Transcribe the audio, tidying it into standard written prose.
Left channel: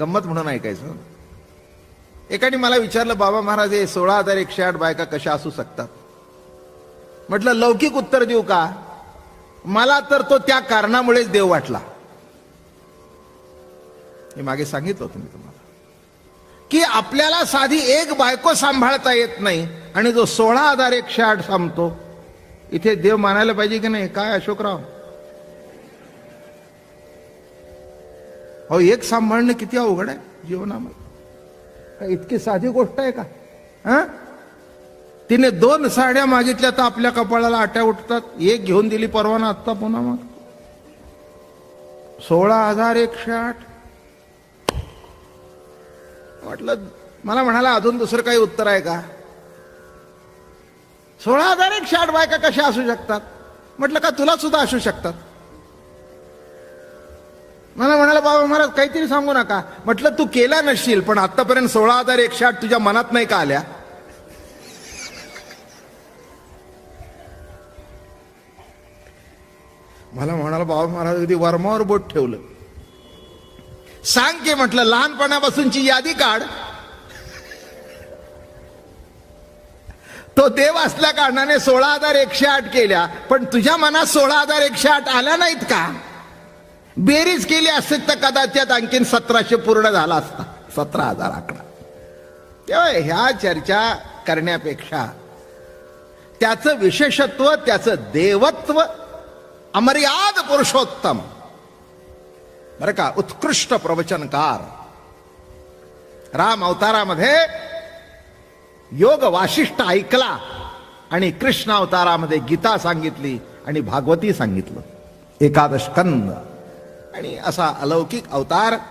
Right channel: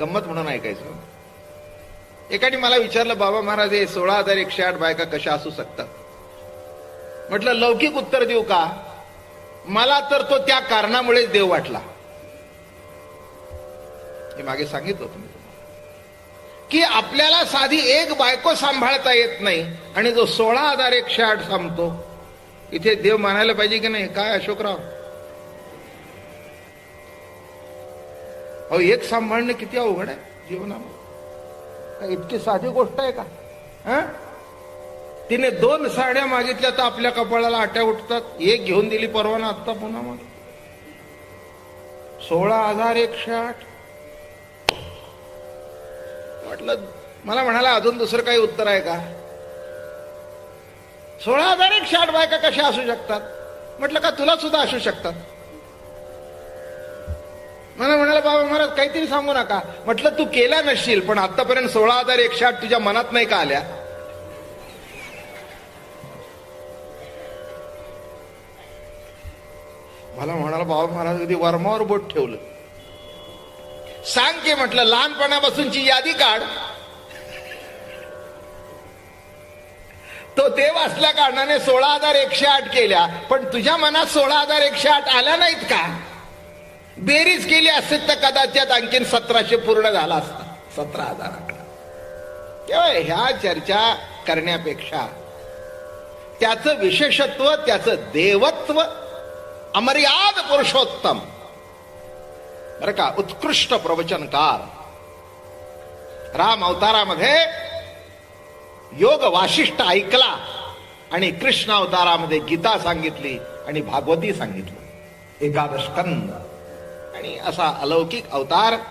गंमत म्हणून ऐकायचं. एकाने मला विचारलं, बाबा महाराज हे 16,108 बायका कशा असू शकतात? म्हटलं लौकिक उत्तर देऊ का? मला तर तो त्या कारणामुळेच देव वाटला. हे मागे सांगितलं होतं मी तुम्हाला की आपल्याला साधी एक बायको सांभाळता येत नाही आणि जो 16,108 सांगतो, इथे देव मानायला पाहिजे की नाही? काय अशोकराव, अहो एक सांभाळणं किती अवघड आहे जीवनामध्ये. काय इतकी साधी गोष्ट आहे का? तिने 2 साड्या मागितल्या तर आपल्या कपाळाला आट्या उठतात. एक घेऊन दिली परवाना आत्ता पुन्हा मग 16,108. म्हटलं, मला म्हणाला अजून दुसरं काही उत्तर आहे का? 16,108 बायका कशा असू शकतात? म्हटलं का तुला सुद्धा असू शकतात? मला म्हणाला, बाबा महाराज काहीतरी सांगू नका. म्हटलं तू केला नसशील, पण आतापर्यंत 16,108 तुझ्या मनात नाही का आल्या? मला म्हणाला, बाबा महाराज कधी वर्मावर बोट ठेवलं. सांग की, म्हटलं लहानपणापासूनची यादी काढ. तो देव असल्या कारणाने 16,108 केल्या, पण तुझ्या मनात 16,108 आल्या नाहीत का? बेरीज केली असेल तर कदाचित आणखीन 1700 पूर्ण झाला असता. 17,000 आकडा. तेव्हा ह्या चर्चा करण्यापेक्षा त्याचं विशेषत्व, त्याचं देवत्व, अमर्याद पुरुषोत्तम, बरं का, उत्कृष्ट प्रवचनकार, राम अवतारामध्ये योग वाशिष्ठ ऐकला आणि कृष्ण अवतारामध्ये गीता सांगितली आणि भागवती सांगितलं. 11 स्कंद आणि असा अलौकिक अवतार